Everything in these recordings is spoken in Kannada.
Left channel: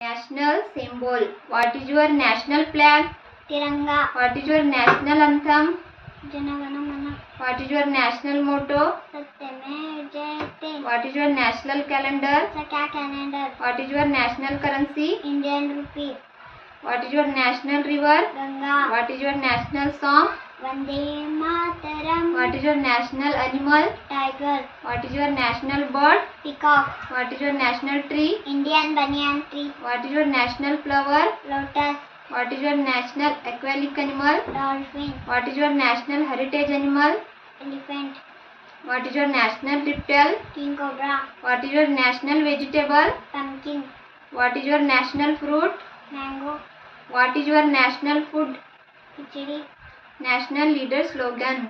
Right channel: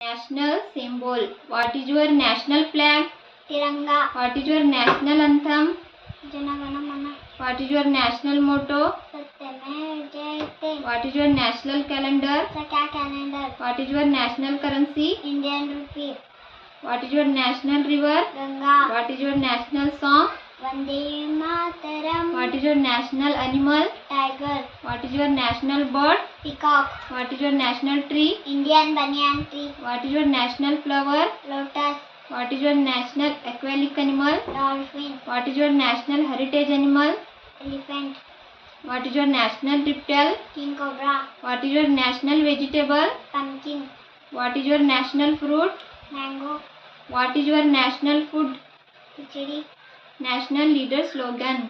National symbol. What is your national flag? Tiranga. What is your national anthem? Jana Gana Mana. What is your national motto? Satyame Jayate. What is your national calendar? Sakya calendar. What is your national currency? Indian rupee. What is your national river? Ganga. What is your national song? Vande Mataram. What is your national animal? Tiger. What is your national bird? Peacock. What is your national tree? Indian banyan tree. What is your national flower? Lotus. What is your national aquatic animal? Dolphin. What is your national heritage animal? Elephant. What is your national reptile? King cobra. What is your national vegetable? Pumpkin. What is your national fruit? Mango. What is your national food? Khichdi. National leader slogan.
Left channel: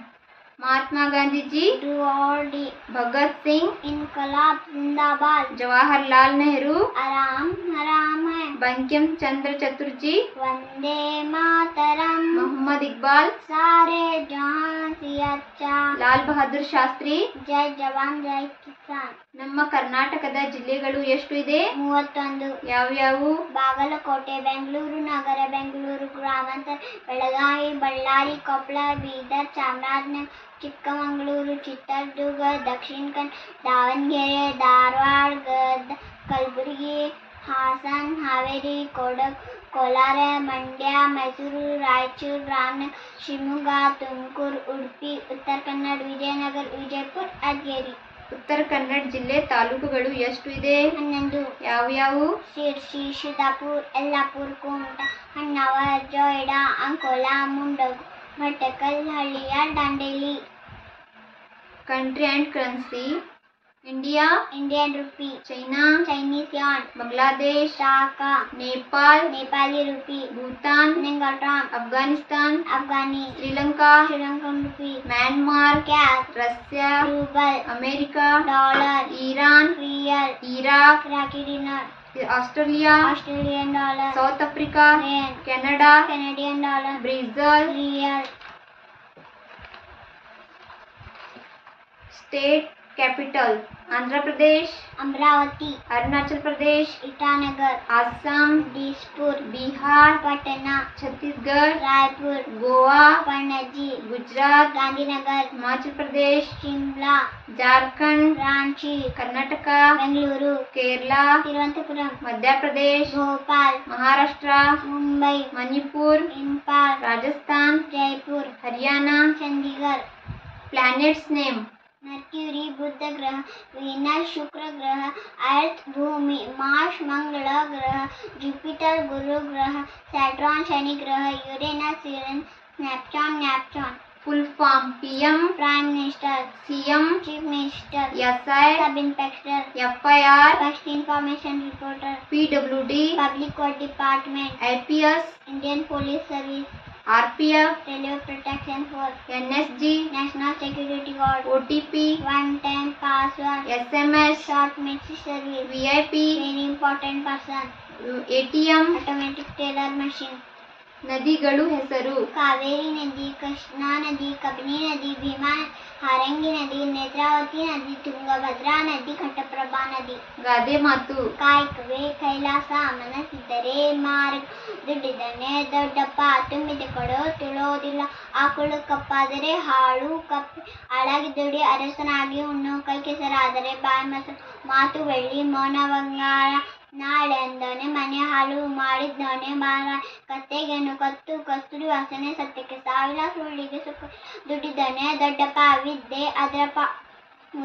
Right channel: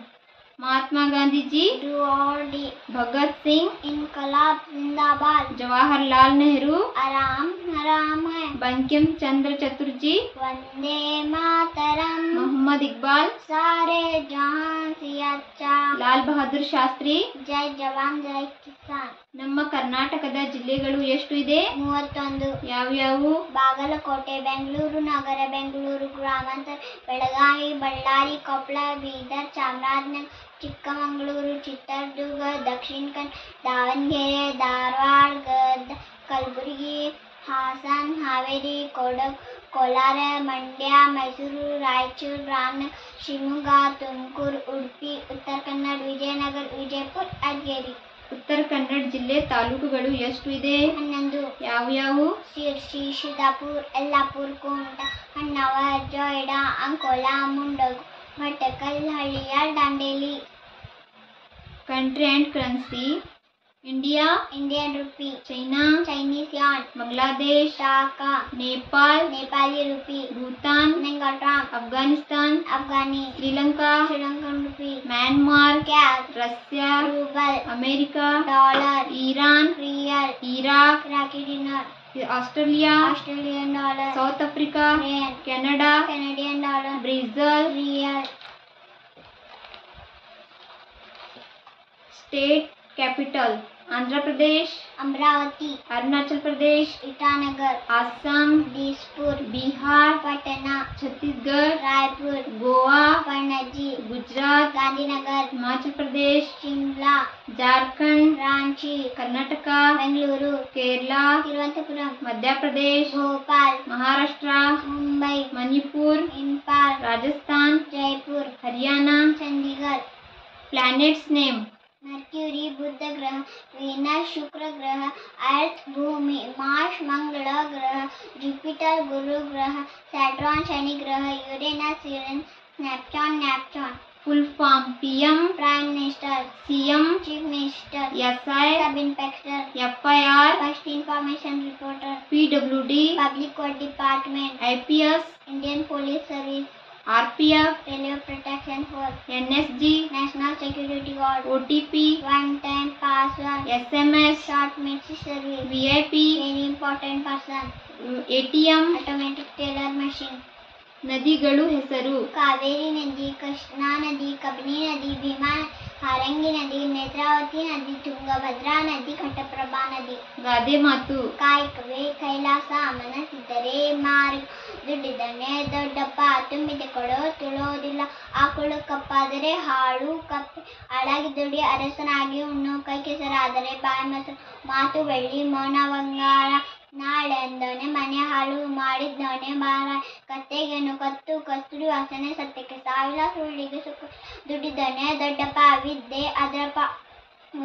Mahatma Gandhi ji, Do or die. Bhagat Singh, Inqilab Zindabad. Jawaharlal Nehru, आराम हराम है. Bankim Chandra Chaturji, Vande Mataram. Muhammad Iqbal, सारे जहां से अच्छा. Lal Bahadur Shastri. ಜೈ ಜವಾನ್ ಜೈ ಕಿಸಾನ್. ನಮ್ಮ ಕರ್ನಾಟಕದ ಜಿಲ್ಲೆಗಳು ಎಷ್ಟು ಇದೆ? 31. ಯಾವ್ಯಾವು? ಬಾಗಲಕೋಟೆ, ಬೆಂಗಳೂರು ನಗರ, ಬೆಂಗಳೂರು ಗ್ರಾಮಾಂತರ, ಬೆಳಗಾವಿ, ಬಳ್ಳಾರಿ, ಕೊಪ್ಪಳ, ಬೀದರ್, ಚಾಮರಾಜನಗರ, ಚಿಕ್ಕಮಗಳೂರು, ಚಿತ್ರದುರ್ಗ, ದಕ್ಷಿಣ ಕನ್ನಡ, ದಾವಣಗೆರೆ, ಧಾರವಾಡ, ಗದಗ, ಕಲಬುರಗಿ, ಹಾಸನ, ಹಾವೇರಿ, ಕೊಡಗು, ಕೋಲಾರ, ಮಂಡ್ಯ, ಮೈಸೂರು, ರಾಯಚೂರು, ರಾಮನಗರ, ಶಿವಮೊಗ್ಗ, ತುಮಕೂರು, ಉಡುಪಿ, ಉತ್ತರ ಕನ್ನಡ, ವಿಜಯನಗರ, ವಿಜಯಪುರ, ಯಾದಗಿರಿ. ಉತ್ತರ ಕನ್ನಡ ಜಿಲ್ಲೆ ತಾಲೂಕುಗಳು ಎಷ್ಟು ಇದೆ? 11. ಯಾವ್ಯಾವು? ಶಿರ್ಸಿ, ಸಿದ್ದಾಪುರ, ಯಲ್ಲಾಪುರ, ಕುಮಟಾ, ಹೊನ್ನಾವರ, ಜೊಯ್ಡಾ, ಅಂಕೋಲಾ, ಮುಂಡರಗಿ, ಮಟಕಲ್, ಹಳ್ಳಿಯ, Dandeli. Country and currency. India, Indian rupee. China, Chinese yuan. Bangladesh, Dhaka. Nepal, Nepali rupee. Bhutan, ngultrum. Afghanistan, afghani. Sri Lanka, Sri Lankan rupee. Myanmar, kyat. Russia, rouble. America, dollar. Iran, rial. Iraq, Iraqi dinar. Australia, Australian dollar. South Africa, rand. Canada, Canadian dollar. Brazil. Real. State capital. Andhra Pradesh, Amaravati. Arunachal Pradesh, Itanagar. Assam, Dispur. Bihar, Patna. Chhattisgarh, Raipur. Goa, Panaji. Gujarat, Gandhinagar. Himachal Pradesh, Shimla. Jharkhand, Ranchi. Karnataka, Bengaluru. Kerala, Thiruvananthapuram. Madhya Pradesh, Bhopal. Maharashtra, Mumbai. Manipur, Imphal. Rajasthan, Jaipur. Haryana. Chandigarh. Planets name. Mercury Budh ग्रह, वीनस शुक्र ग्रह, अर्थ भूमि, मार्स मंगल ग्रह, जुपिटर गुरु ग्रह, सैटर्न शनि ग्रह, Uranus Neptune. Full form. PM prime minister. CM chief minister. SI, sub inspector. FIR, first information reporter. PWD, public work department. IPS, Indian police service. RPF, railway protection force. NSG, national security guard. OTP, one time password. SMS, short message service. VIP, very important person. ATM. Automatic teller machine. ನದಿಗಳು ಹೆಸರು. कावेरी नदी, कृष्णा नदी, कबिनी नदी, भीमा, हारंगी नदी, नेत्रावती नदी, ತುಂಗಭದ್ರಾ ನದಿ, ಘಟಪ್ರಭಾ ನದಿ. ಗಾದೆ ಮಾತು. ಕಾಯಕವೇ ಕೈಲಾಸ, ಮನಸ್ಸಿದ್ದರೆ ಮಾರ್ಗ, ದುಡ್ಡಿದ್ದನ್ನೇ ದೊಡ್ಡಪ್ಪ, ತುಂಬಿದ ಕೊಡೋ ತುಳೋದಿಲ್ಲ, ಆಕಳು ಕಪ್ಪಾದರೆ ಹಾಳು ಕಪ್ಪೆ, ಆಳಾಗಿ ದುಡಿ ಅರಸನಾಗಿ ಉಣ್ಣು, ಕೈ ಕೆಸರಾದರೆ ಬಾಯಿ ಮೊಸರು, ಮಾತು ಬೆಳ್ಳಿ ಮೌನ ಬಂಗಾರ, ನಾಳೆಂದೋನೆ ಮನೆ ಹಾಳು ಮಾಡಿದ್ದೋನೆ ಮಾರ, ಕತ್ತೆಗೆನು ಕತ್ತು ಕಸ್ತೂರಿ ವಾಸನೆ, ಸತ್ಯಕ್ಕೆ ಸಾವಿರ ಸುಳ್ಳಿಗೆ ಸುಖ, ದುಡ್ಡಿದ್ದೋನೆ ದೊಡ್ಡಪ್ಪ, ವಿದ್ಯೆ ಅದರಪ್ಪ,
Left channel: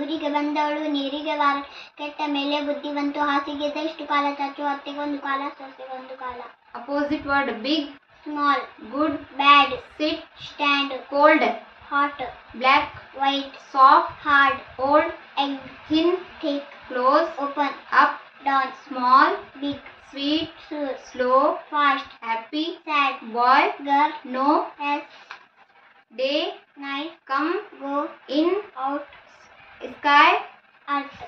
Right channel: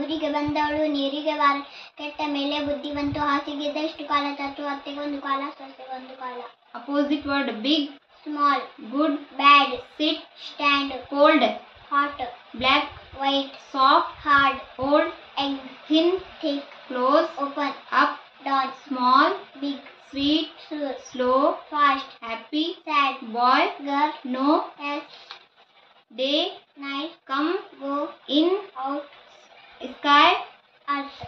ಊರಿಗೆ ಬಂದವಳು ನೀರಿಗೆ ವಾರ, ಕೆಟ್ಟ ಮೇಲೆ ಬುದ್ಧಿವಂತು, ಹಾಸಿಗೆದಷ್ಟು ಕಾಲ ಚಾಚು, ಅತ್ತೆಗೊಂದು ಕಾಲ ಸೊಸೆಗೊಂದು ಕಾಲ. Opposite word. Big, small. Good, bad. Sit, stand. Cold, hot. Black, white. Soft, hard. Old, egg. Thin, thick. Close, open. Up, down. Small, big. sweet, Sure. slow, Fast. happy, Sad. boy, Girl. no, Yes. day, Night. come, Go. in, Out. sky. Earth.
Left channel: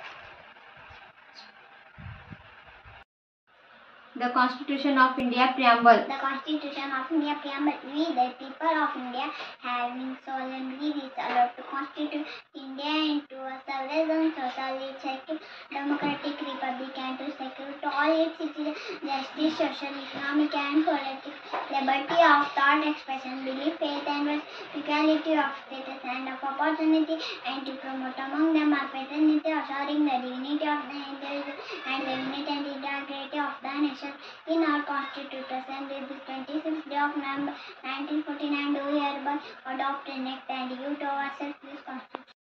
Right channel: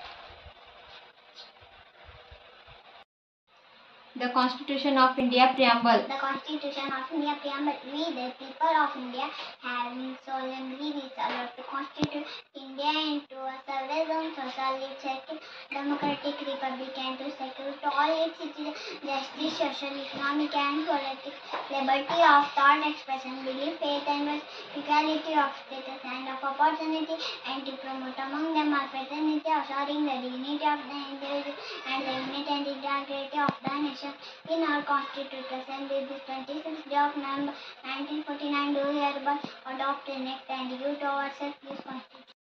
The Constitution of India preamble. The Constitution of India preamble. We, the people of India, having solemnly resolved to constitute India into a sovereign, socially secure, democratic republic, and to secure to all its citizens justice, social, economic, and political liberty of thought, expression, belief, faith, and worship, equality of status and of opportunity, and to promote among them a fraternity, assuring the dignity of the individual and the unity and integrity of the nation. In our Constituted Assembly, this 26th day of November 1949, do hereby adopt, enact, and give to ourselves this Constitution.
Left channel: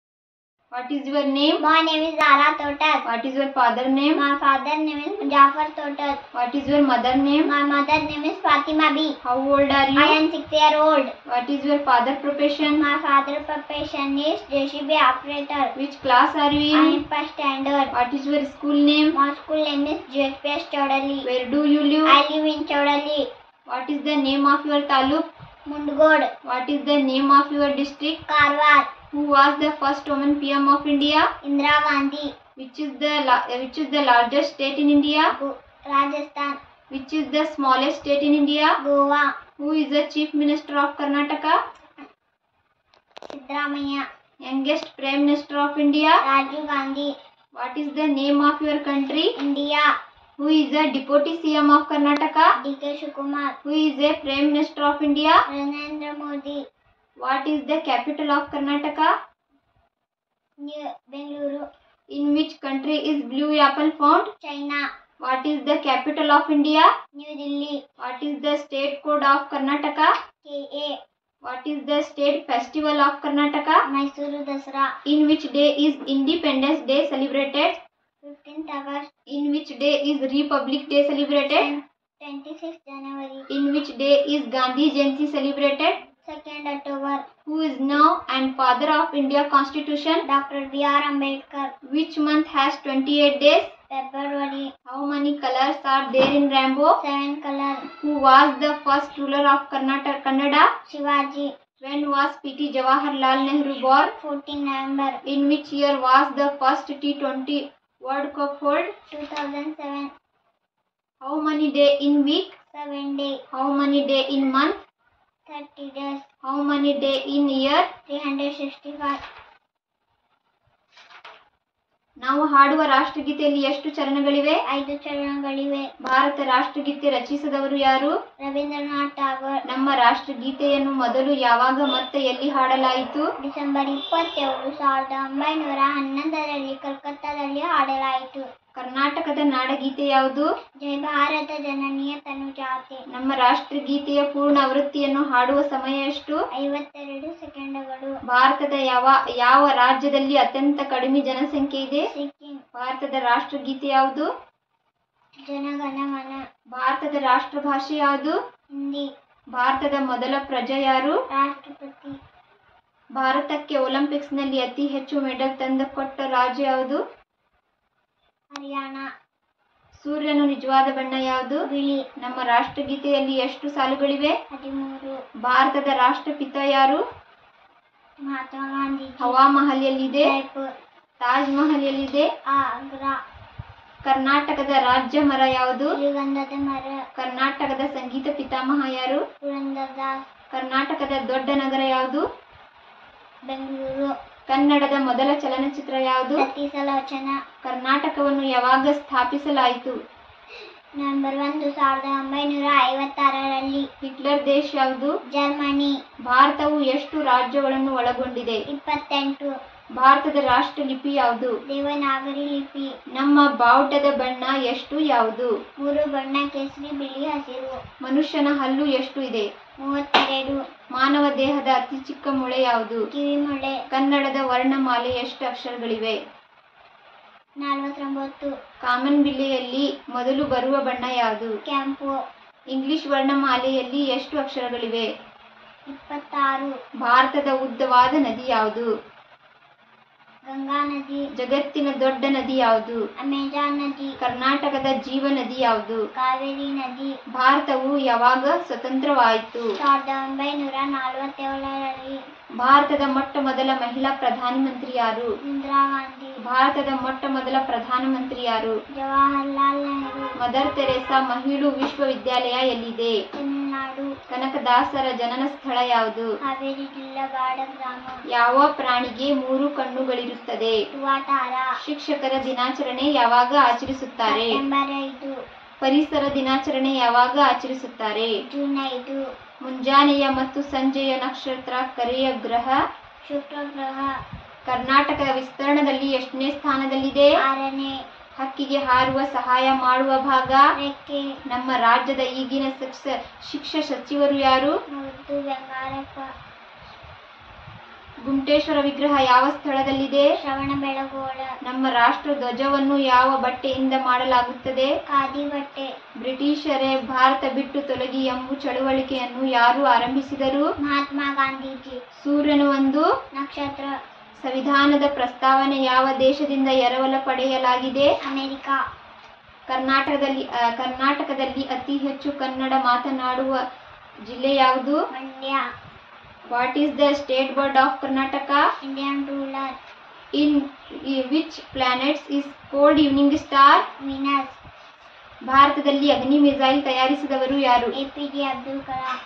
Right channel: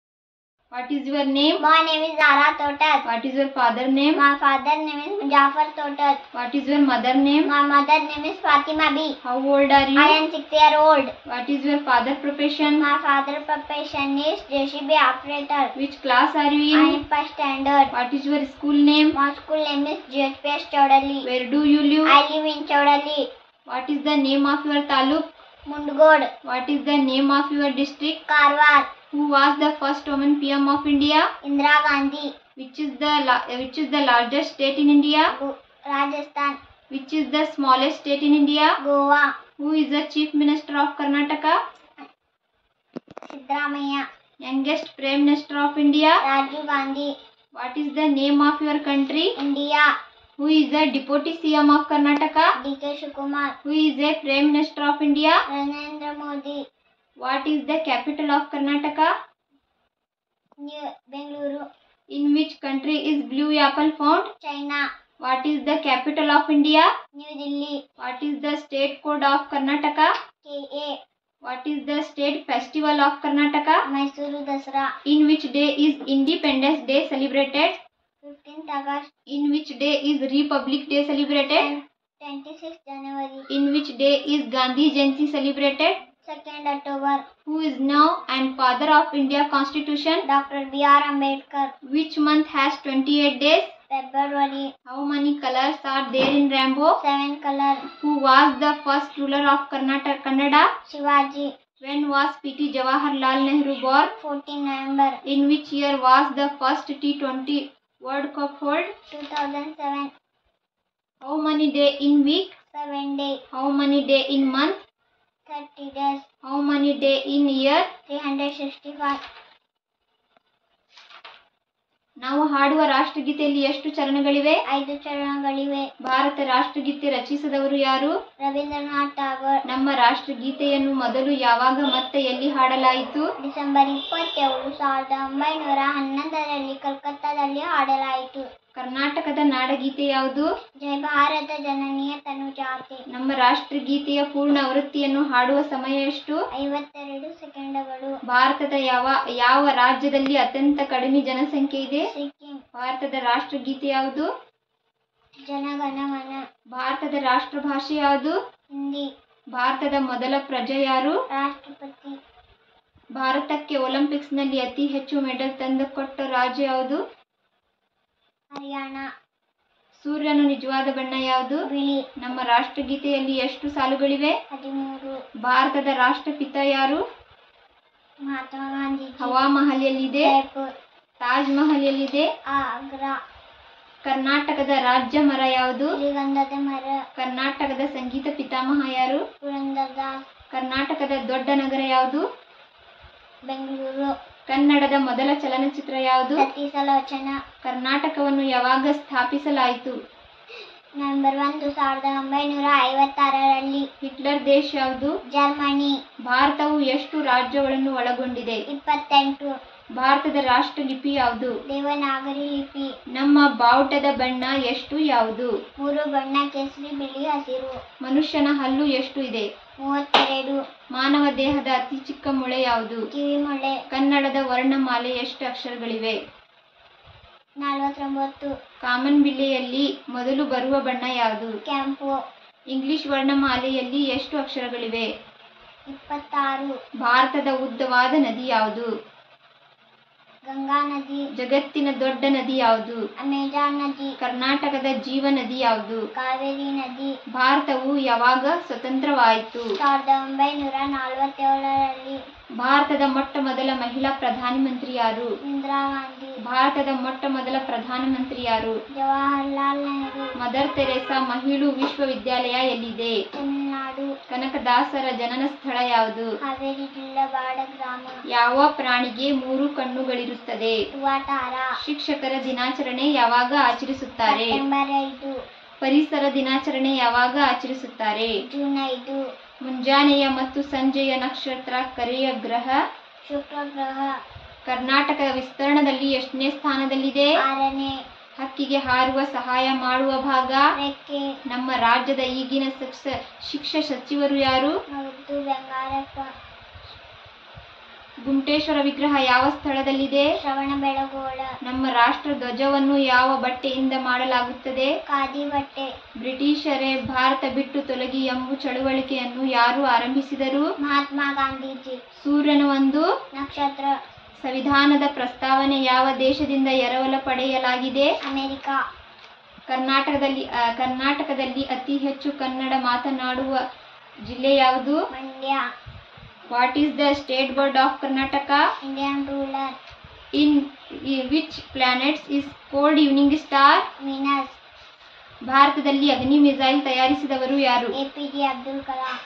What is your name? My name is Zara Total. What is your father name? My father name is Jafar Total. What is your mother name? My mother name is Fatima B. How old are you? I am 6-year-old. What is your father profession? My father profession is JCB operator. Which class are you I in? am first standard. What is your school name? My school name is JSPS Chaudali. Where do you live? I live in Chaudali. What is the name of your taluk? Mundgod. What is the name of your district? Karwar. Who was the first woman PM of India? Indira Gandhi. Which is the largest state in India? Rajasthan. Which is the smallest state in India? Goa. Who is the chief minister of Karnataka? Siddaramaiah. Youngest prime minister of India? Rajiv Gandhi. What is the name of your country? India. Who is the deputy CM of Karnataka? D.K. Shivakumar. Who is the prime minister of India? Narendra Modi. What is the capital of Karnataka? New Bengaluru. In which country is blue apple found? China. What is the capital of India? New Delhi. What is the state code of Karnataka? KA. What is the state festival of Karnataka? Mysuru Dasara. In which day is Independence Day celebrated? 15th August. In which day is Republic Day celebrated? 26th January. In which day is Gandhi Jayanti celebrated? 2nd October. Who is now and father of India Constitution? Dr. B.R. Ambedkar. Which month has 28 days? February. How many colors are there in rainbow? 7 color. Who was the first ruler of Kannada? Shivaji. When was P.T. Jawaharlal Nehru born? 14 November. In which year was the first T20 World Cup held? 2007. How many days in week? 7 days. How many days in month? 30 days. How many days in year? 365. ನಾವು ಹಾಡುವ ರಾಷ್ಟ್ರಗೀತೆಯಲ್ಲಿ ಎಷ್ಟು ಚರಣಗಳಿವೆ? 5 ಚರಣಗಳಿವೆ. ಭಾರತ ರಾಷ್ಟ್ರಗೀತೆ ರಚಿಸಿದವರು ಯಾರು? ರವೀಂದ್ರನಾಥ್ ಟಾಗೋರ್. ನಮ್ಮ ರಾಷ್ಟ್ರಗೀತೆಯನ್ನು ಮೊದಲು ಯಾವಾಗ ಮತ್ತೆ ಎಲ್ಲಿ ಹಾಡಲಾಯಿತು? ಡಿಸೆಂಬರ್ 27, 1911ರಲ್ಲಿ ಕಲ್ಕತ್ತಾದಲ್ಲಿ ಹಾಡಲಾಯಿತು. ಕರ್ನಾಟಕದ ನಾಡಗೀತೆ ಯಾವುದು? ಜಯ ಭಾರತ ಜನನಿಯ ತನುಜಾತೆ. ನಮ್ಮ ರಾಷ್ಟ್ರಗೀತೆಯ ಪೂರ್ಣ ಆವೃತ್ತಿಯನ್ನು ಹಾಡುವ ಸಮಯ ಎಷ್ಟು? 52 ಸೆಕೆಂಡುಗಳು. ಭಾರತದ ಯಾವ ರಾಜ್ಯದಲ್ಲಿ ಅತ್ಯಂತ ಕಡಿಮೆ ಜನಸಂಖ್ಯೆ ಇದೆ? ಸಿಕ್ಕಿಂ. ಭಾರತದ ರಾಷ್ಟ್ರಗೀತೆ ಯಾವುದು? ಜನಗಣಮನ. ಭಾರತದ ರಾಷ್ಟ್ರ ಭಾಷೆ ಯಾವುದು? ಹಿಂದಿ. ಭಾರತದ ಮೊದಲ ಪ್ರಜೆ ಯಾರು? ರಾಷ್ಟ್ರಪತಿ. ಭಾರತಕ್ಕೆ ಒಲಿಂಪಿಕ್ಸ್ನಲ್ಲಿ ಅತಿ ಹೆಚ್ಚು ಮೆಡಲ್ ತಂದುಕೊಟ್ಟ ರಾಜ್ಯ ಯಾವುದು? ಹರಿಯಾಣ. ಸೂರ್ಯನ ನಿಜವಾದ ಬಣ್ಣ ಯಾವುದು? ಬಿಳಿ. ನಮ್ಮ ರಾಷ್ಟ್ರಗೀತೆಯಲ್ಲಿ ಎಷ್ಟು ಸಾಲುಗಳಿವೆ? 13. ಭಾರತದ ರಾಷ್ಟ್ರಪಿತ ಯಾರು? ಮಹಾತ್ಮ ಗಾಂಧಿ. ಹವಾ ಮಹಲ್ ಎಲ್ಲಿದೆ? ಜೈಪುರ್. ತಾಜ್ ಮಹಲ್ ಎಲ್ಲಿದೆ? ಆಗ್ರಾ. ಕರ್ನಾಟಕದ ರಾಜ್ಯ ಮರ ಯಾವುದು? ಶ್ರೀಗಂಧದ ಮರ. ಕರ್ನಾಟಕದ ಸಂಗೀತ ಪಿತಾಮಹ ಯಾರು? ಪುರಂದರದಾಸ್. ಕರ್ನಾಟಕದ ದೊಡ್ಡ ನಗರ ಯಾವುದು? ಬೆಂಗಳೂರು. ಕನ್ನಡದ ಮೊದಲ ಚಲನಚಿತ್ರ ಯಾವುದು? ಸತೀಸಲೋಚನ. ಕರ್ನಾಟಕವನ್ನು ಯಾವಾಗ ಸ್ಥಾಪಿಸಲಾಯಿತು? ನವೆಂಬರ್ 1, 1956ರಲ್ಲಿ. ಹಿಟ್ಲರ್ ದೇಶ ಯಾವುದು? ಜರ್ಮನಿ. ಭಾರತವು ಎಷ್ಟು ರಾಜ್ಯಗಳನ್ನು ಒಳಗೊಂಡಿದೆ? 28. ಭಾರತದ ರಾಷ್ಟ್ರ ಲಿಪಿ ಯಾವುದು? ದೇವನಾಗರಿ ಲಿಪಿ. ನಮ್ಮ ಬಾವುಟದ ಬಣ್ಣ ಎಷ್ಟು ಯಾವುದು? 3 ಬಣ್ಣ: ಕೇಸರಿ, ಬಿಳಿ, ಹಸಿರು. ಮನುಷ್ಯನ ಹಲ್ಲು ಎಷ್ಟು ಇದೆ? 32. ಮಾನವ ದೇಹದ ಅತಿ ಚಿಕ್ಕ ಮೊಳೆ ಯಾವುದು? ಕಿವಿಮೊಳೆ. ಕನ್ನಡದ ವರ್ಣಮಾಲೆ ಎಷ್ಟು ಅಕ್ಷರಗಳಿವೆ? 49. ಕಾಮನ್ ಬಿಲ್ಲೆಯಲ್ಲಿ ಮೊದಲು ಬರುವ ಬಣ್ಣ ಯಾವುದು? ಕೆಂಪು. ಇಂಗ್ಲಿಷ್ ವರ್ಣಮಾಲೆಯಲ್ಲಿ ಎಷ್ಟು ಅಕ್ಷರಗಳಿವೆ? 26. ಭಾರತದ ಉದ್ದವಾದ ನದಿ ಯಾವುದು? ಗಂಗಾ ನದಿ. ಜಗತ್ತಿನ ದೊಡ್ಡ ನದಿ ಯಾವುದು? ಅಮೆಜಾನ್ ನದಿ. ಕರ್ನಾಟಕದ ಜೀವ ನದಿ ಯಾವುದು? ಕಾವೇರಿ ನದಿ. ಭಾರತವು ಯಾವಾಗ ಸ್ವತಂತ್ರವಾಯಿತು? 1947ರಲ್ಲಿ. ಭಾರತದ ಮೊಟ್ಟ ಮೊದಲ ಮಹಿಳಾ ಪ್ರಧಾನಮಂತ್ರಿ ಯಾರು? ಇಂದಿರಾ ಗಾಂಧಿ. ಭಾರತದ ಮೊಟ್ಟ ಮೊದಲ ಪ್ರಧಾನಮಂತ್ರಿ ಯಾರು? ಜವಾಹರ್ಲಾಲ್ ನೆಹರು. ಮದರ್ ತೆರೇಸಾ ಮಹಿಳಾ ವಿಶ್ವವಿದ್ಯಾಲಯ ಎಲ್ಲಿದೆ? ತಮಿಳುನಾಡು. ಕನಕದಾಸರ ಜನನ ಸ್ಥಳ ಯಾವುದು? ಹಾವೇರಿ ಜಿಲ್ಲಾ ಬಾಡ ಗ್ರಾಮ. ಯಾವ ಪ್ರಾಣಿಗೆ 3 ಕಣ್ಣುಗಳಿರುತ್ತದೆ? ತುವಾಟಾರ. ಶಿಕ್ಷಕರ ದಿನಾಚರಣೆ ಯಾವಾಗ ಆಚರಿಸುತ್ತಾರೆ? ಸೆಪ್ಟೆಂಬರ್ 5. ಪರಿಸರ ದಿನಾಚರಣೆ ಯಾವಾಗ ಆಚರಿಸುತ್ತಾರೆ? ಜೂನ್ 5. ಮುಂಜಾನೆಯ ಮತ್ತು ಸಂಜೆಯ ನಕ್ಷತ್ರ ಕರೆಯ ಗ್ರಹ? ಶುಕ್ರ ಗ್ರಹ. ಕರ್ನಾಟಕ ವಿಸ್ತರಣದಲ್ಲಿ ಎಷ್ಟನೇ ಸ್ಥಾನದಲ್ಲಿದೆ? 6ನೇ. ಹಕ್ಕಿಗೆ ಹಾರುವ ಸಹಾಯ ಮಾಡುವ ಭಾಗ? ರೆಕ್ಕೆ. ನಮ್ಮ ರಾಜ್ಯದ ಈಗಿನ ಶಿಕ್ಷಣ ಸಚಿವರು ಯಾರು? ಮಧು ಬೆಂಗಾರಪ್ಪ. ಗುಂಟೇಶ್ವರ ವಿಗ್ರಹ ಯಾವ ಸ್ಥಳದಲ್ಲಿದೆ? ಶ್ರವಣಬೆಳಗೊಳ. ನಮ್ಮ ರಾಷ್ಟ್ರ ಧ್ವಜವನ್ನು ಯಾವ ಬಟ್ಟೆಯಿಂದ ಮಾಡಲಾಗುತ್ತದೆ? ಖಾದಿ ಬಟ್ಟೆ. ಬ್ರಿಟಿಷರೇ ಭಾರತ ಬಿಟ್ಟು ತೊಲಗಿ ಎಂಬ ಚಳುವಳಿಕೆಯನ್ನು ಯಾರು ಆರಂಭಿಸಿದರು? ಮಹಾತ್ಮ ಗಾಂಧೀಜಿ. ಸೂರ್ಯನು ಒಂದು ನಕ್ಷತ್ರ. ಸಂವಿಧಾನದ ಪ್ರಸ್ತಾವನೆ ಯಾವ ದೇಶದಿಂದ ಎರವಲು ಪಡೆಯಲಾಗಿದೆ? ಅಮೆರಿಕ. ಕರ್ನಾಟಕದಲ್ಲಿ ಅತಿ ಹೆಚ್ಚು ಕನ್ನಡ ಮಾತನಾಡುವ ಜಿಲ್ಲೆ ಯಾವುದು? Mandya. What is the state board of Karnataka? Indian ruler. In which planets is cold evening star? Venus. ಭಾರತದಲ್ಲಿ ಅಗ್ನಿ ಮಿಸೈಲ್ ತಯಾರಿಸಿದವರು ಯಾರು? APJ ಅಬ್ದುಲ್ ಕಲಾಂ.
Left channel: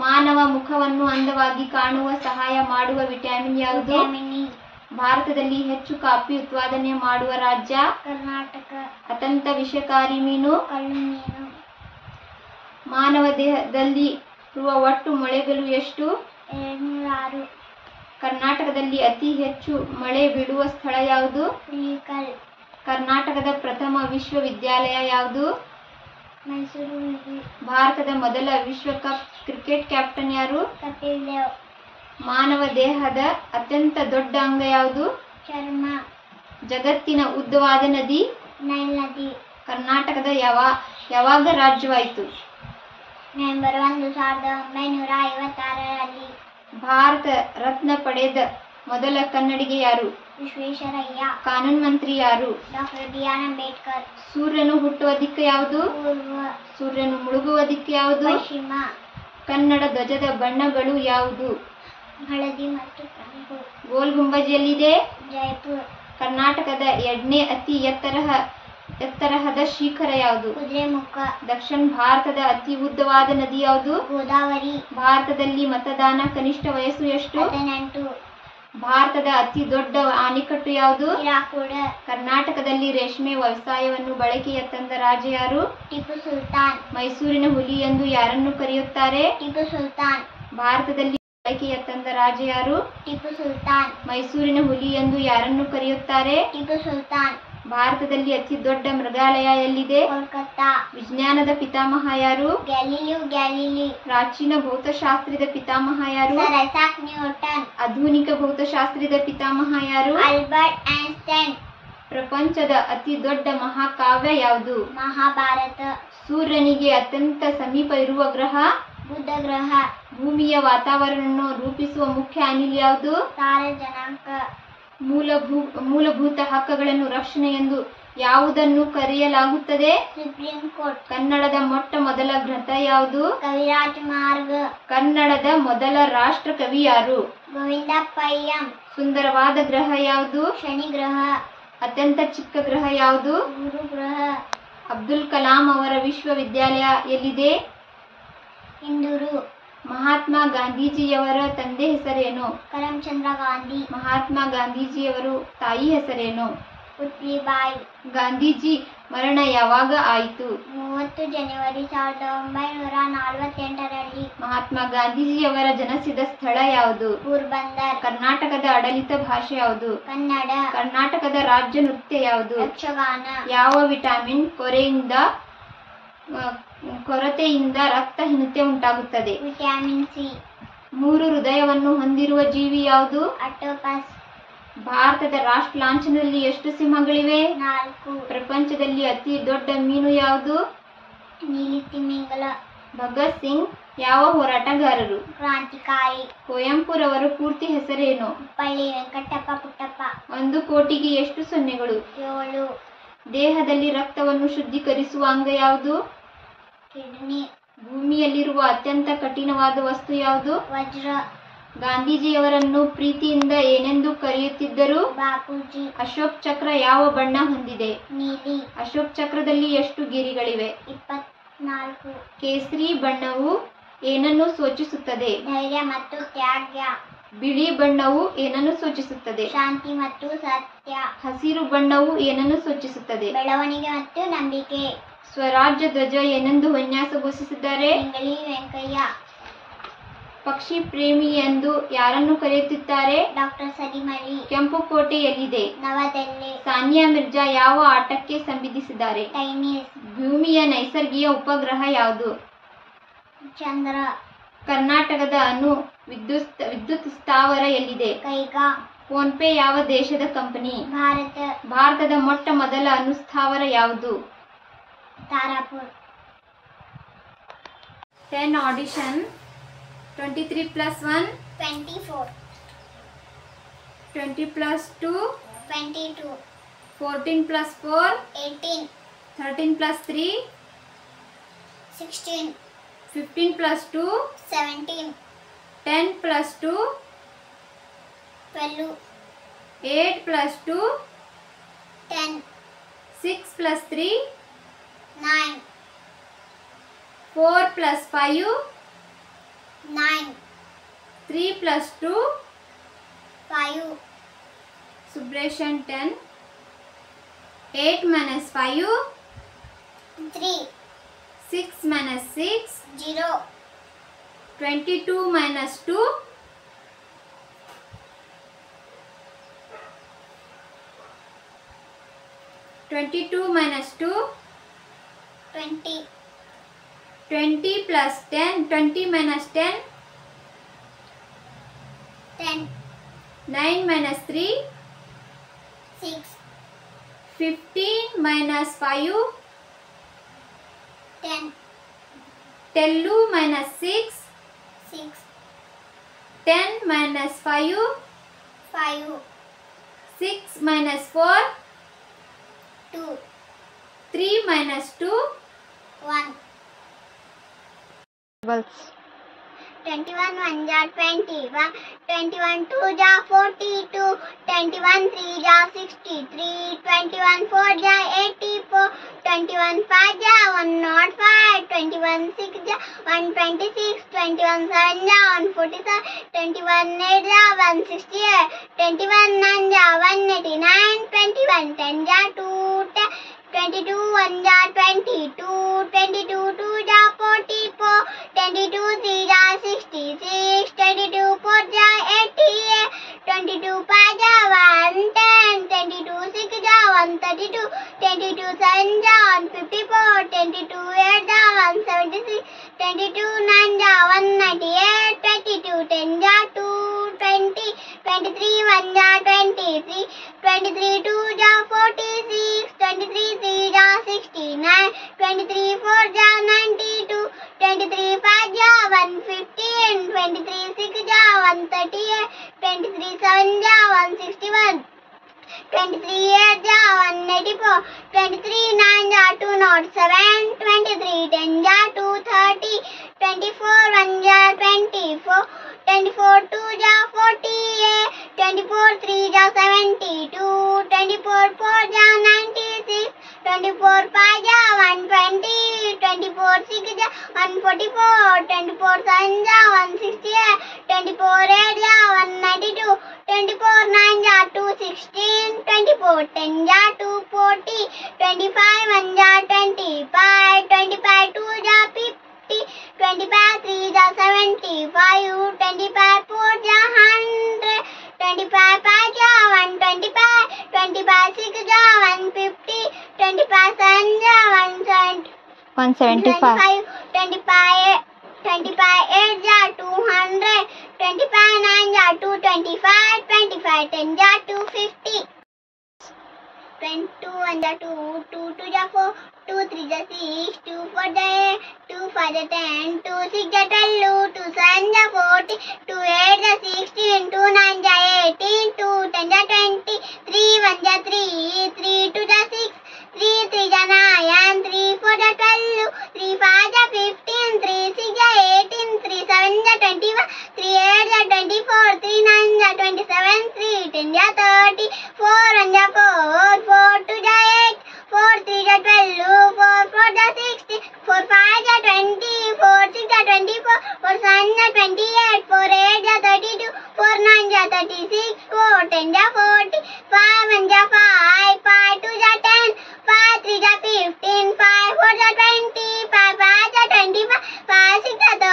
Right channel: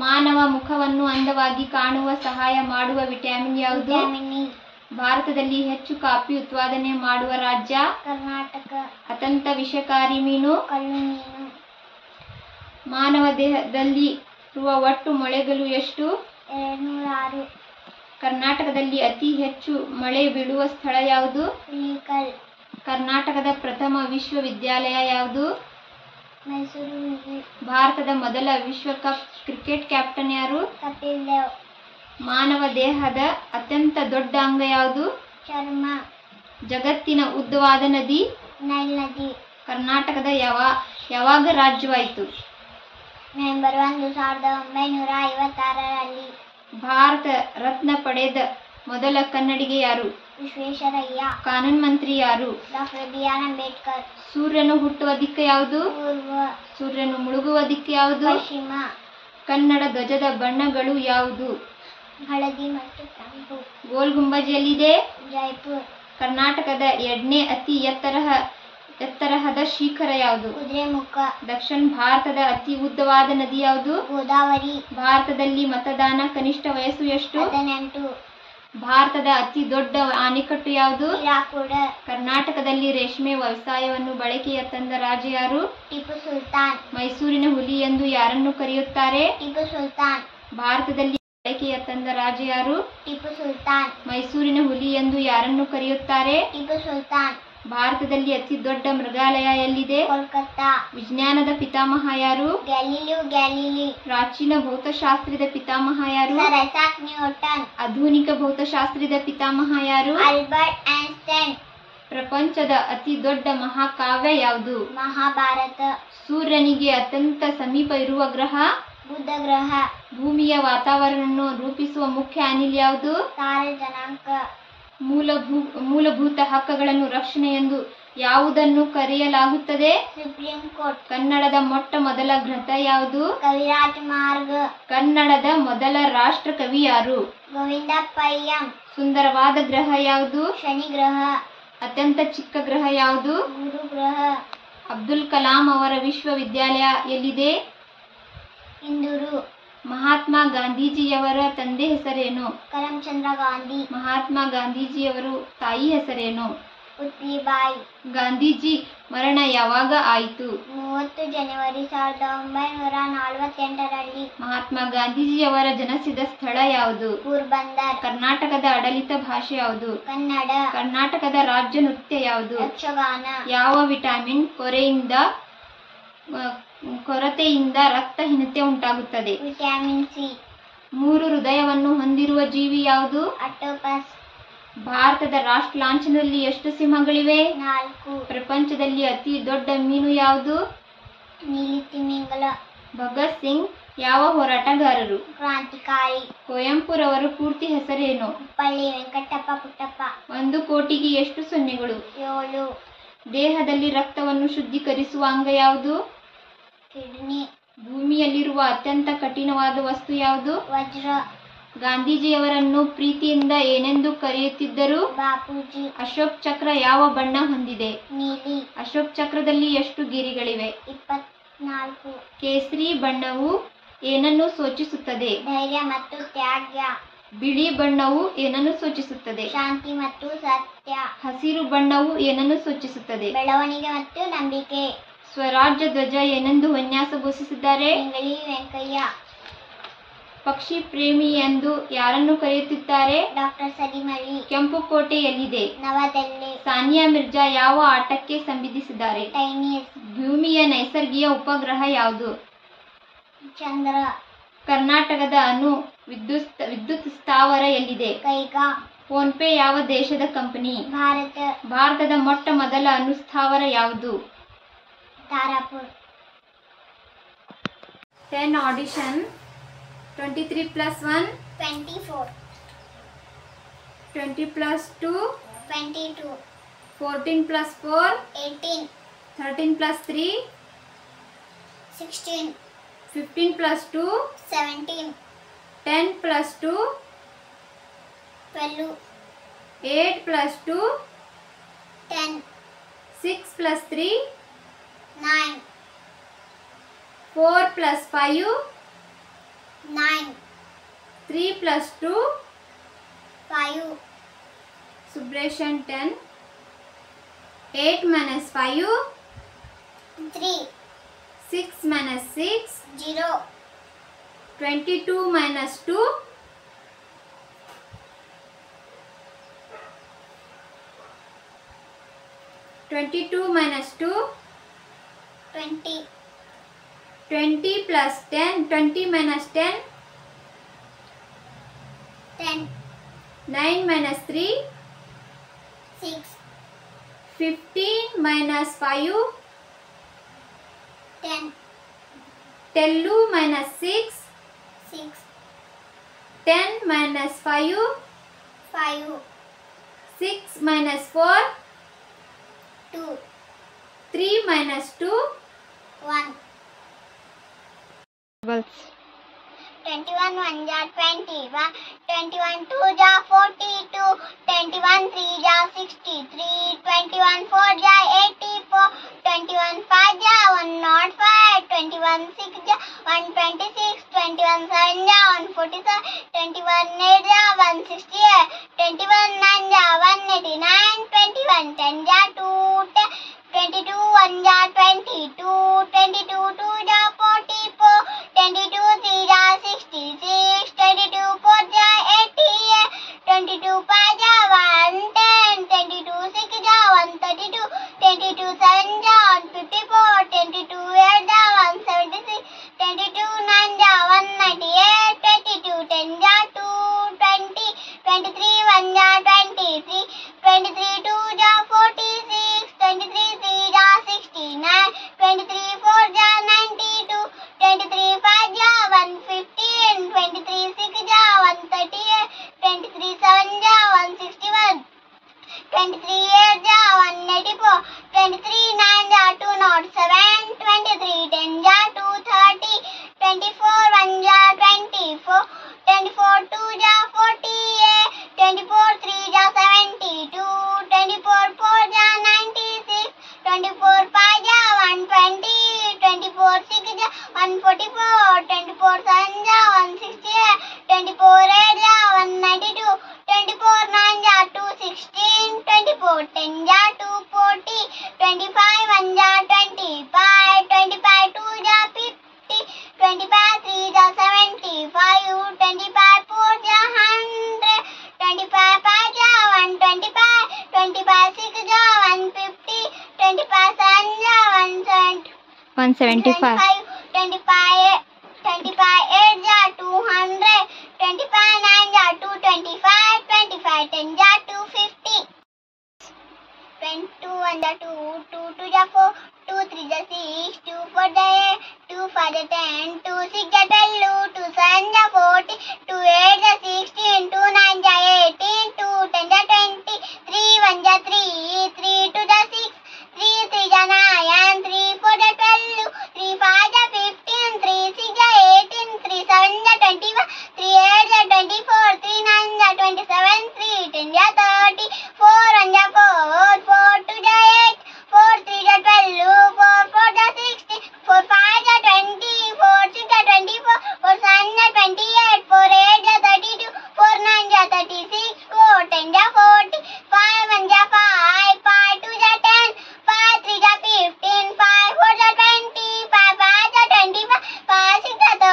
ಮಾನವ ಮುಖವನ್ನು ಅಂದವಾಗಿ ಕಾಣುವ ಸಹಾಯ ಮಾಡುವ ವಿಟಮಿನ್ ಯಾವುದು? Vitamin E. ಭಾರತದಲ್ಲಿ ಹೆಚ್ಚು ಕಾಫಿ ಉತ್ಪಾದನೆ ಮಾಡುವ ರಾಜ್ಯ? ಕರ್ನಾಟಕ. ಅತ್ಯಂತ ವಿಷಕಾರಿ ಮೀನು? ಕಲ್ಲು ಮೀನು. ಮಾನವ ದೇಹದಲ್ಲಿ ಇರುವ ಒಟ್ಟು ಮೊಳೆಗಳು ಎಷ್ಟು? 206. ಕರ್ನಾಟಕದಲ್ಲಿ ಅತಿ ಹೆಚ್ಚು ಮಳೆ ಬೀಳುವ ಸ್ಥಳ ಯಾವುದು? ಹುಲಿಕಲ್. ಕರ್ನಾಟಕದ ಪ್ರಥಮ ವಿಶ್ವವಿದ್ಯಾಲಯ ಯಾವುದು? ಮೈಸೂರು. ಭಾರತದ ಮೊದಲ ವಿಶ್ವಕಪ್ ಕ್ರಿಕೆಟ್ ಕ್ಯಾಪ್ಟನ್ ಯಾರು? ಕಪಿಲ್ ದೇವ್. ಮಾನವ ದೇಹದ ಅತ್ಯಂತ ದೊಡ್ಡ ಅಂಗ ಯಾವುದು? ಚರ್ಮ. ಜಗತ್ತಿನ ಉದ್ದವಾದ ನದಿ? ನೈಲ್ ನದಿ. ಕರ್ನಾಟಕದ ಯಾವಾಗ ರಾಜ್ಯವಾಯಿತು? ನವೆಂಬರ್ 1, 1956ರಲ್ಲಿ. ಭಾರತ ರತ್ನ ಪಡೆದ ಮೊದಲ ಕನ್ನಡಿಗ ಯಾರು? ವಿಶ್ವೇಶ್ವರಯ್ಯ. ಕಾನೂನು ಮಂತ್ರಿ ಯಾರು? Doctor BR Ambedkar. ಸೂರ್ಯನು ಹುಟ್ಟುವ ದಿಕ್ಕು ಯಾವುದು? ಪೂರ್ವ. ಸೂರ್ಯನು ಮುಳುಗುವ ದಿಕ್ಕು ಯಾವುದು? ಪಶ್ಚಿಮ. ಕನ್ನಡ ಧ್ವಜದ ಬಣ್ಣಗಳು ಯಾವುದು? ಹಳದಿ ಮತ್ತು ಕೆಂಪು. ಗೋಲ್ ಗುಂಬಜ್ ಎಲ್ಲಿದೆ? ಜೈಪುರ್. ಕರ್ನಾಟಕದ 2ನೇ ಅತಿ ಎತ್ತರಹದ ಶಿಖರ ಯಾವುದು? ಕುದುರೆಮುಖ. ದಕ್ಷಿಣ ಭಾರತದ ಅತಿ ಉದ್ದವಾದ ನದಿ ಯಾವುದು? ಗೋದಾವರಿ. ಭಾರತದಲ್ಲಿ ಮತದಾನ ಕನಿಷ್ಠ ವಯಸ್ಸು ಎಷ್ಟು? 18. ಭಾರತದ ಅತಿ ದೊಡ್ಡ ಅಣೆಕಟ್ಟು ಯಾವುದು? ಹಿರಾಕೂಡ. ಕರ್ನಾಟಕದಲ್ಲಿ ರೇಷ್ಮೆ ವ್ಯವಸಾಯವನ್ನು ಬಳಕೆಗೆ ತಂದ ರಾಜ ಯಾರು? ಟಿಪ್ಪು ಸುಲ್ತಾನ್. ಮೈಸೂರಿನ ಹುಲಿ ಎಂದು ಯಾರನ್ನು ಕರೆಯುತ್ತಾರೆ? ಟಿಪ್ಪು ಸುಲ್ತಾನ್. ಭಾರತದಲ್ಲಿ ಬಳಕೆಗೆ ತಂದ ರಾಜ ಯಾರು? ಟಿಪ್ಪು ಸುಲ್ತಾನ್. ಮೈಸೂರಿನ ಹುಲಿ ಎಂದು ಯಾರನ್ನು ಕರೆಯುತ್ತಾರೆ? ಟಿಪ್ಪು ಸುಲ್ತಾನ್. ಭಾರತದಲ್ಲಿ ಅತಿ ದೊಡ್ಡ ಮೃಗಾಲಯ ಎಲ್ಲಿದೆ? ಕೋಲ್ಕತ್ತಾ. ವಿಜ್ಞಾನದ ಪಿತಾಮಹ ಯಾರು? ಗ್ಯಾಲಿಲಿಯೋ ಗ್ಯಾಲಿಲಿ. ಪ್ರಾಚೀನ ಭೌತಶಾಸ್ತ್ರದ ಪಿತಾಮಹ ಯಾರು? Sir Isaac Newton. ಆಧುನಿಕ ಭೌತಶಾಸ್ತ್ರದ ಪಿತಾಮಹ ಯಾರು? Albert Einstein. ಪ್ರಪಂಚದ ಅತಿ ದೊಡ್ಡ ಮಹಾಕಾವ್ಯ ಯಾವುದು? ಮಹಾಭಾರತ. ಸೂರ್ಯನಿಗೆ ಅತ್ಯಂತ ಸಮೀಪ ಇರುವ ಗ್ರಹ? ಬುಧ ಗ್ರಹ. ಭೂಮಿಯ ವಾತಾವರಣವನ್ನು ರೂಪಿಸುವ ಮುಖ್ಯ ಅನಿಲ ಯಾವುದು? ಸಾರಜನಕ. ಮೂಲಭೂತ ಹಕ್ಕುಗಳನ್ನು ರಕ್ಷಣೆ ಎಂದು ಯಾವುದನ್ನು ಕರೆಯಲಾಗುತ್ತದೆ? Supreme court. ಕನ್ನಡದ ಮೊಟ್ಟ ಮೊದಲ ಗ್ರಂಥ ಯಾವುದು? ಕವಿರಾಜ ಮಾರ್ಗ. ಕನ್ನಡದ ಮೊದಲ ರಾಷ್ಟ್ರ ಕವಿ ಯಾರು? ಗೋವಿಂದ ಪೈ. ಸುಂದರವಾದ ಗ್ರಹ ಯಾವುದು? ಶನಿ ಗ್ರಹ. ಅತ್ಯಂತ ಚಿಕ್ಕ ಗ್ರಹ ಯಾವುದು? ಗುರು ಗ್ರಹ. ಅಬ್ದುಲ್ ಕಲಾಂ ಅವರ ವಿಶ್ವವಿದ್ಯಾಲಯ ಎಲ್ಲಿದೆ? ಇಂದೂರು. ಮಹಾತ್ಮ ಗಾಂಧೀಜಿಯವರ ತಂದೆ ಹೆಸರೇನು? ಕರಮ್ಚಂದ್ರ ಗಾಂಧಿ. ಮಹಾತ್ಮ ಗಾಂಧೀಜಿಯವರು ತಾಯಿ ಹೆಸರೇನು? ಪುತ್ಲಿಬಾಯಿ. ಗಾಂಧೀಜಿ ಮರಣ ಯಾವಾಗ ಆಯಿತು? 30 ಜನವರಿ 1948ರಲ್ಲಿ. ಮಹಾತ್ಮ ಗಾಂಧೀಜಿಯವರ ಜನಿಸಿದ ಸ್ಥಳ ಯಾವುದು? ಪೋರ್ಬಂದರ್. ಕರ್ನಾಟಕದ ಆಡಳಿತ ಭಾಷೆ ಯಾವುದು? ಕನ್ನಡ. ಕರ್ನಾಟಕದ ರಾಜ್ಯ ನೃತ್ಯ ಯಾವುದು? ಯಕ್ಷಗಾನ. ಯಾವ ವಿಟಮಿನ್ ಕೊರತೆಯಿಂದ ರಕ್ತಹೀನತೆ ಉಂಟಾಗುತ್ತದೆ? Vitamin C. 3 ಹೃದಯವನ್ನು ಹೊಂದಿರುವ ಜೀವಿ ಯಾವುದು? ಆಕ್ಟೋಪಸ್. ಭಾರತದ ರಾಷ್ಟ್ರ ಲಾಂಛನದಲ್ಲಿ ಎಷ್ಟು ಸಿಂಹಗಳಿವೆ? 4. ಪ್ರಪಂಚದಲ್ಲಿ ಅತಿ ದೊಡ್ಡ ಮೀನು ಯಾವುದು? ನೀಲಿ ತಿಮಿಂಗಲ. ಭಗತ್ ಸಿಂಗ್ ಯಾವ ಹೋರಾಟಗಾರರು? ಕ್ರಾಂತಿಕಾರಿ. ಕುವೆಂಪುರವರ ಪೂರ್ತಿ ಹೆಸರೇನು? ಪಳ್ಳಿ ವೆಂಕಟಪ್ಪ ಪುಟ್ಟಪ್ಪ. 1 ಕೋಟಿಗೆ ಎಷ್ಟು ಸೊನ್ನೆಗಳು? 7. ದೇಹದಲ್ಲಿ ರಕ್ತವನ್ನು ಶುದ್ಧೀಕರಿಸುವ ಅಂಗ ಯಾವುದು? ಕಿಡ್ನಿ. ಭೂಮಿಯಲ್ಲಿರುವ ಅತ್ಯಂತ ಕಠಿಣವಾದ ವಸ್ತು ಯಾವುದು? ವಜ್ರ. ಗಾಂಧೀಜಿಯವರನ್ನು ಪ್ರೀತಿಯಿಂದ ಏನೆಂದು ಕರೆಯುತ್ತಿದ್ದರು? ಬಾಪೂಜಿ. ಅಶೋಕ್ ಚಕ್ರ ಯಾವ ಬಣ್ಣ ಹೊಂದಿದೆ? ನೀಲಿ. ಅಶೋಕ್ ಚಕ್ರದಲ್ಲಿ ಎಷ್ಟು ಗಿರಿಗಳಿವೆ? 24. ಕೇಸರಿ ಬಣ್ಣವು ಏನನ್ನು ಸೂಚಿಸುತ್ತದೆ? ಧೈರ್ಯ ಮತ್ತು ತ್ಯಾಗ. ಬಿಳಿ ಬಣ್ಣವು ಏನನ್ನು ಸೂಚಿಸುತ್ತದೆ? ಶಾಂತಿ ಮತ್ತು ಸತ್ಯ. ಹಸಿರು ಬಣ್ಣವು ಏನನ್ನು ಸೂಚಿಸುತ್ತದೆ? ಬೆಳವಣಿಗೆ ಮತ್ತು ನಂಬಿಕೆ. ಸ್ವರಾಜ್ಯ ಧ್ವಜ ಏನೆಂದು ವಿನ್ಯಾಸಗೊಳಿಸಿದ್ದಾರೆ? ಇಂಗಳಿ ವೆಂಕಯ್ಯ. ಪಕ್ಷಿ ಪ್ರೇಮಿ ಎಂದು ಯಾರನ್ನು ಕರೆಯುತ್ತಾರೆ? ಡಾಕ್ಟರ್ ಸಲೀಂ ಅಲಿ. ಕೆಂಪು ಕೋಟೆ ಎಲ್ಲಿದೆ? ನವದೆಹಲಿ. ಸಾನಿಯಾ ಮಿರ್ಜಾ ಯಾವ ಆಟಕ್ಕೆ ಸಂಬಂಧಿಸಿದ್ದಾರೆ? ಟೆನ್ನಿಸ್. ಭೂಮಿಯ ನೈಸರ್ಗಿಕ ಉಪಗ್ರಹ ಯಾವುದು? ಚಂದ್ರ. ಕರ್ನಾಟಕದ ಅಣು ವಿದ್ಯುತ್ ಸ್ಥಾವರ ಎಲ್ಲಿದೆ? ಕೈಗಾ. ಫೋನ್ ಪೇ ಯಾವ ದೇಶದ ಕಂಪನಿ? ಭಾರತ. ಭಾರತದ ಮೊಟ್ಟ ಮೊದಲ ಅಣು ಸ್ಥಾವರ ಯಾವುದು? Tarapur. 10 audition. 23 + 1 24. 20 + 2 22. 14 + 4 18. 13 + 3 16. 15 + 2 17. 10 + 2 12. 8 + 2 10. 6 + 3 9. 4 + 5 9. 3 + 2 5. Subtraction 10. 8 - 5 3. 6 - 6 0. 22 - 2 22 - 2 20. 20 + 10 20 - 10 10. 9 - 3 6. 15 - 5 10. 2 - 6 6. 10 - 5 5. 6 - 4 2. 3 - 2 1. 21 1 ja 21. 21 2 ja 42. 21 3 ja 63. 21 4 ja 84. 21 5 ja 105. 21 6 ja 126. 21 7 ja 147. 21 8 ja 168. 21 9 ja 189. 21 10 ja 210. 22 1 ja 22. 22 2 ja 44. 22 3 ja 66. 22 4 ja 88. 22 5 ja 110. 22 6 ja 132. 22 7 ja 154. 22 8 ja 176. 22 9 ja 198. 22 10 ja 220. 23 1 ja 23. 23 2 ja 46. 23 3 ja 69. 23 4 ja 92. 23 5 ja 115. 23 6 ja 138. 23 7 ja 161. 23 8 ja 184. 23 9 ja 207. 23 10 ja 230. 24 1 ja 24. 24 2 ja 48. 24 3 ja 72. 24 4 ja 96. 24 5 ja 120. 24 6 ja 144. 24 7 ja 168. 24 8 ja 192. 24 9 ja 216. 24 10 ja 240. 25 1 ja 25. 25 2 ja 50. 25 3 ja 75. 25 4 ja 100. 25 5 ja 125. 25 6 ja 150. 25 7 ja 175. 25 8 ja 200. 25 9 ja 225. 25 10 ja 250. 22 1 ja 2. 2 2 ja 4. 2 3 ja 6. 2 4 ja 8. 2 5 ja 10. 2 6 ja 12. 2 7 ja 40. 2 8 ja 16. 2 9 ja 18. 2 10 ja 20. 3 1 ja 3. 3 2 ja 6. 3 3 ja 9. 3 4 ja 12. 3 5 ja 15. 3 6 ja 18. 3 7 ja 21. 3 8 ja 24. 10 ja 30, 4 1 ja 4, 4 2 ja 8, 4 3 ja 12, 4 4 ja 16, 4 5 ja 20, 4 6 ja 24, 4 7 ja 28, 4 8 ja 32, 4 9 ja 36, 4 10 ja 40, 5 1 ja 5, 5 2 ja 10, 5 3 ja 15, 5 4 ja 20, 5 5 ja 25, 5 6 ja 30, 5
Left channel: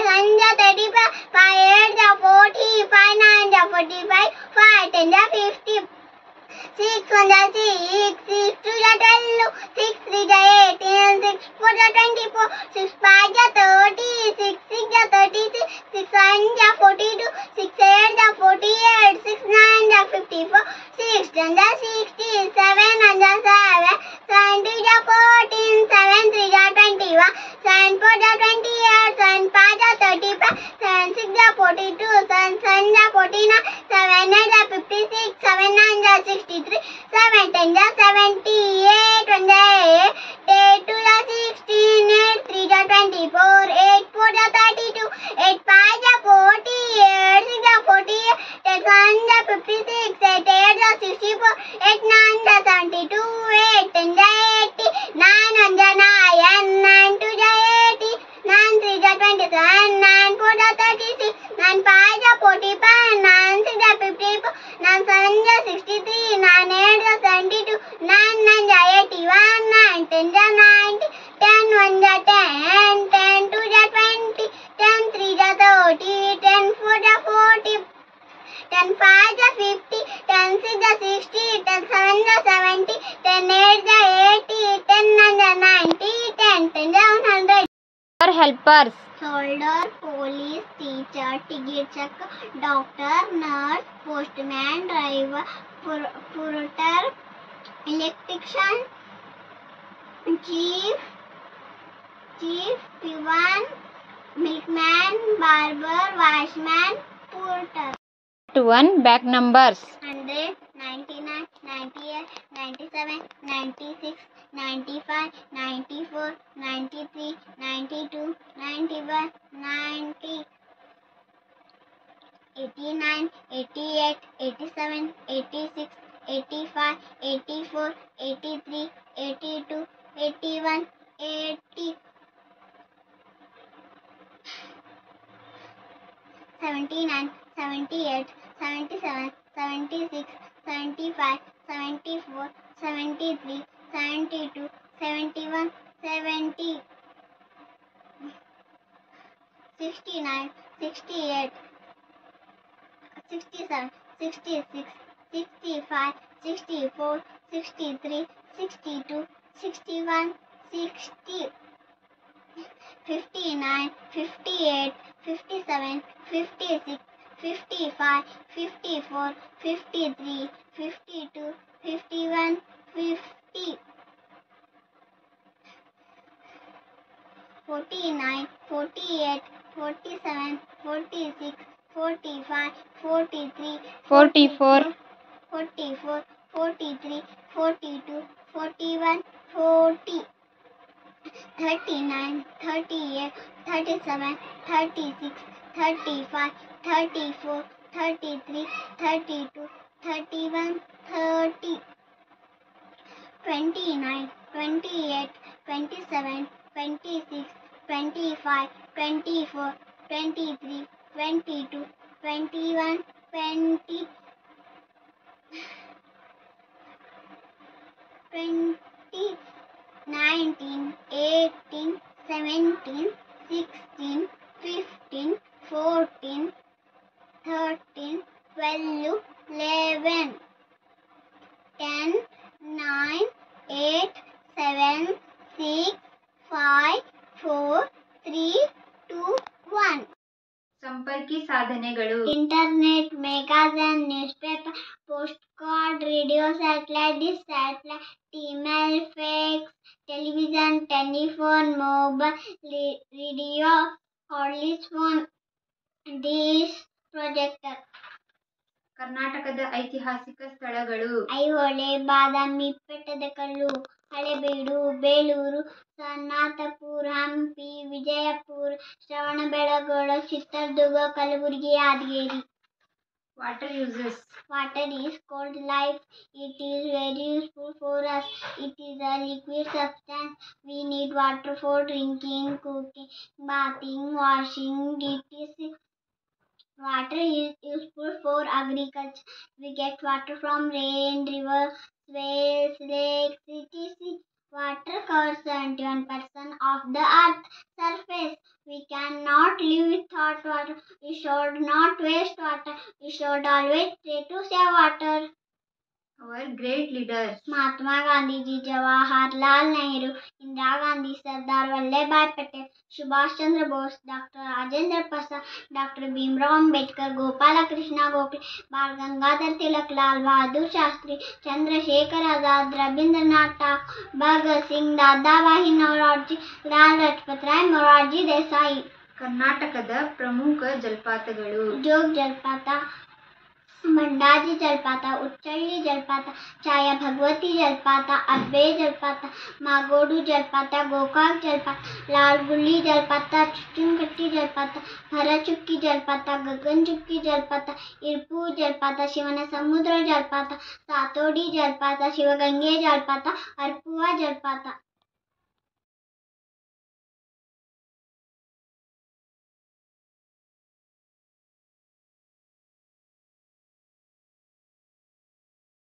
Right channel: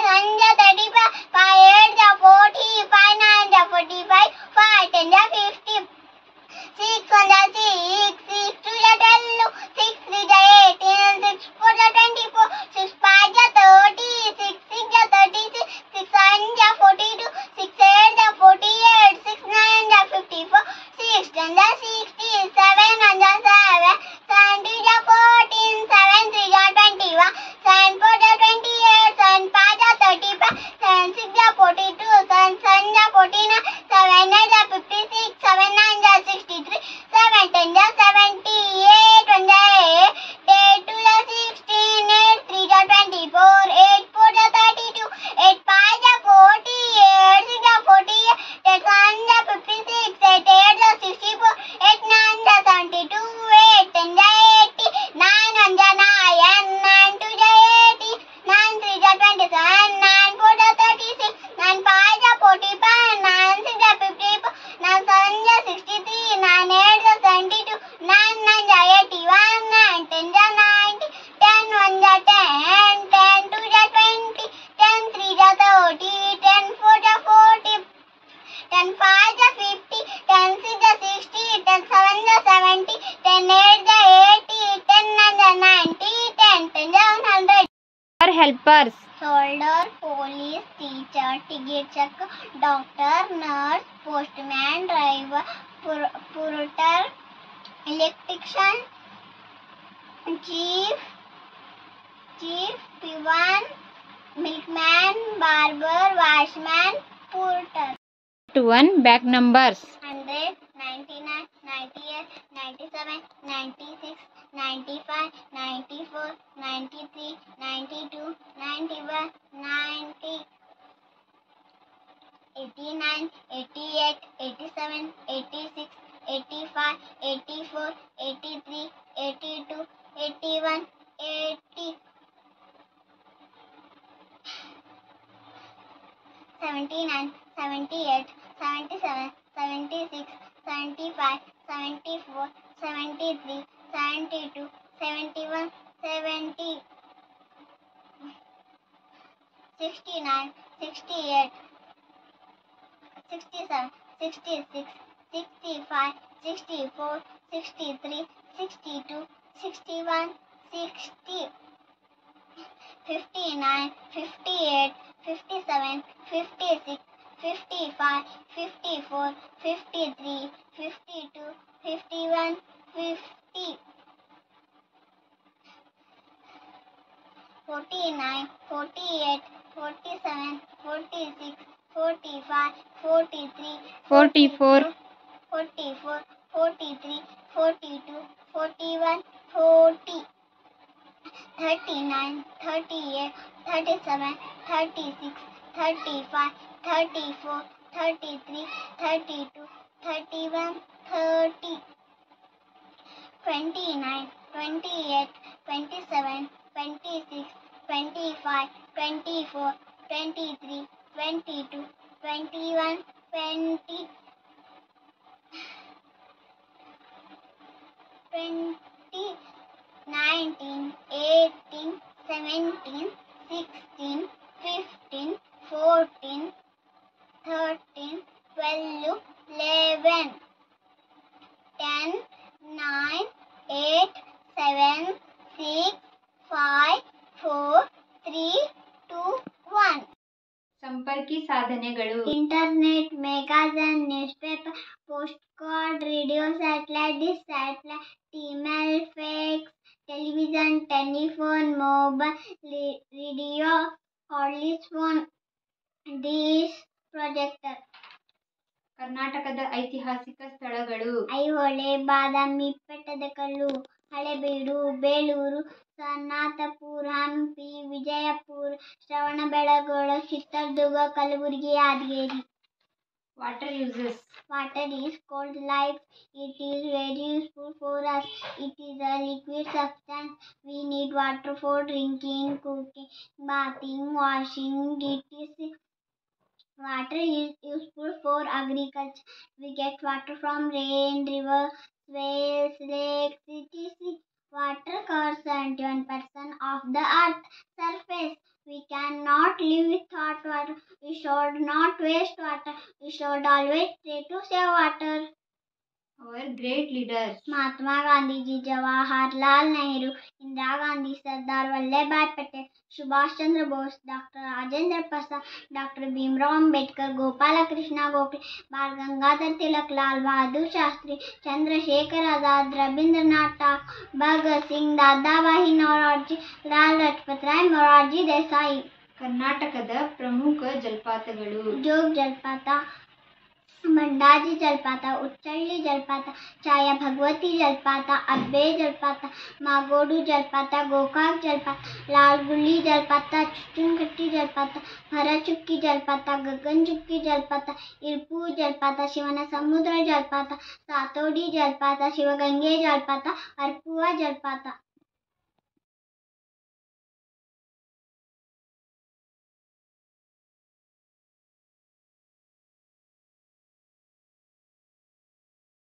7 ja 35, 5 8 ja 40, 5 9 ja 45, 5 10 ja 50, 6 1 ja 6, 6 2 ja 12, 6 3 ja 18, 6 4 ja 24, 6 5 ja 30, 6 6 ja 36, 6 7 ja 42, 6 8 ja 48, 6 9 ja 54, 6 10 ja 60, 7 1 ja 7, 7 2 ja 14, 7 3 ja 21, 7 4 ja 28, 7 5 ja 35, 7 6 ja 42, 7 7 ja 49, 7 8 ja 56, 7 9 ja 63, 7 10 ja 70, 8 1 ja 8, 8 2 ja 16, 8 3 ja 24, 8 4 ja 32, 8 5 ja 40, 8 6 ja 48, 8 7 ja 56, 8 8 ja 64, 8 9 ja 72, 8 10 ja 80, 9 1 ja 9, 9 2 ja 80, 9 3 ja 27, 9 4 ja 36, 9 5 ja 45, 9 6 ja 54, 9 7 ja 63, 9 8 ja 72, 9 9 ja 81, 9 10 ja 90, 10 1 ja 10, 10 2 ja 20, 10 3 ja 30, 10 4 ja 40, 10 5 ja 50, 10 6 ja 60, 10 7 ja 70, 10 8 ja 80, 10 9 ja 90, 10 10 ja 100. helpers. Soldier, police, teacher, ticket check, doctor, nurse, postman, driver, porter, electrician, chief, peon, milkman, barber, watchman, porter. 1 back numbers. 100, 99, 98, 97, 96, 95, 94, 93, 92, 91, 90, 89, 88, 87, 86, 85, 84, 83, 82, 81, 80, 79, 78, 77, 76, 75, 74, 73, 72, 71, 70, 69, 68, 67, 66, 65, 64, 63, 62, 61, 60, 59, 58, 57, 56, 55, 54, 53, 52, 51, 50, 49, 48, 47, 46, 45, 43, 44, 44, 43, 42, 41, 40, 39, 38, 37, 36, 35, 34, 33, 32, 31, 30, 29, 28, 27, 26, 25, 24, 23, 22, 21, 20, 20, 19, 18, 17, 16, 15, 14, 13, 12, 11, 10, 9, 8, 7, 6, 5, 4, 3, 2, 1. ಸಂಪರ್ಕಿ ಸಾಧನೆಗಳು. Internet, magazine, newspaper, postcard, radio, satellite, dish, satellite, email, fax, television, telephone, mobile, radio, cordless phone, dish, projector. ಕರ್ನಾಟಕದ ಐತಿಹಾಸಿಕ ಸ್ಥಳಗಳು. ಐಹೊಳೆ, ಬಾದಾಮಿ, ಬೆಟ್ಟದಕಲ್ಲು, Halebidu, Belur, ಸನ್ನಾಥಪುರ, Hampi, Vijayapura, Shravanabelagola, Chitradurga, Kalaburagi, Yadgir. Water uses. Water is called life. It is very useful for us. It is a liquid substance. We need water for drinking, cooking, bathing, washing, etc. Water is useful for agriculture. We get water from rain, rivers, wells, lakes, etc. Water covers 71% of the earth's surface. We cannot live without water. We should not waste water. We should always try to save water. Our great leaders. Mahatma Gandhi ji, Jawaharlal Nehru, Indira Gandhi, Sardar Vallabh भाई पटेल, सुभाष चंद्र बोस, डॉक्टर राजेंद्र प्रसाद, डॉक्टर भीमराव अंबेडकर, गोपाल कृष्ण गोखले, बाल गंगाधर तिलक, लाल बहादुर शास्त्री, चंद्रशेखर आजाद, रविंद्रनाथ टैगोर, भगत सिंह, दादाभाई नौरोजी, लाल ಲಜಪತ್ ರಾಯ್, ಮೊರಾರ್ಜಿ ದೇಸಾಯಿ. ಕರ್ನಾಟಕದ ಪ್ರಮುಖ ಜಲಪಾತಗಳು. ಜೋಗ ಜಲಪಾತ, ಮಂಡಾಜಿ ಜಲಪಾತ, ಉಚ್ಚಳ್ಳಿ ಜಲಪಾತ, ಛಾಯಾ ಭಗವತಿ ಜಲಪಾತ, ಅಬ್ಬೆ ಜಲಪಾತ, ಮಾಗೋಡು ಜಲಪಾತ, ಗೋಕಾಕ್ ಜಲಪಾತ, ಲಾಲ್ಗುಳಿ ಜಲಪಾತ, ಚುಚ್ಚುಂಕಟ್ಟಿ ಜಲಪಾತ, ಭರಚುಕ್ಕಿ ಜಲಪಾತ, ಗಗನಚುಕ್ಕಿ ಜಲಪಾತ, ಇರ್ಪು ಜಲಪಾತ, ಶಿವನ ಸಮುದ್ರ ಜಲಪಾತ, ಸಾತೋಡಿ ಜಲಪಾತ, ಶಿವಗಂಗೆ ಜಲಪಾತ, ಅರ್ಪುವ ಜಲಪಾತ.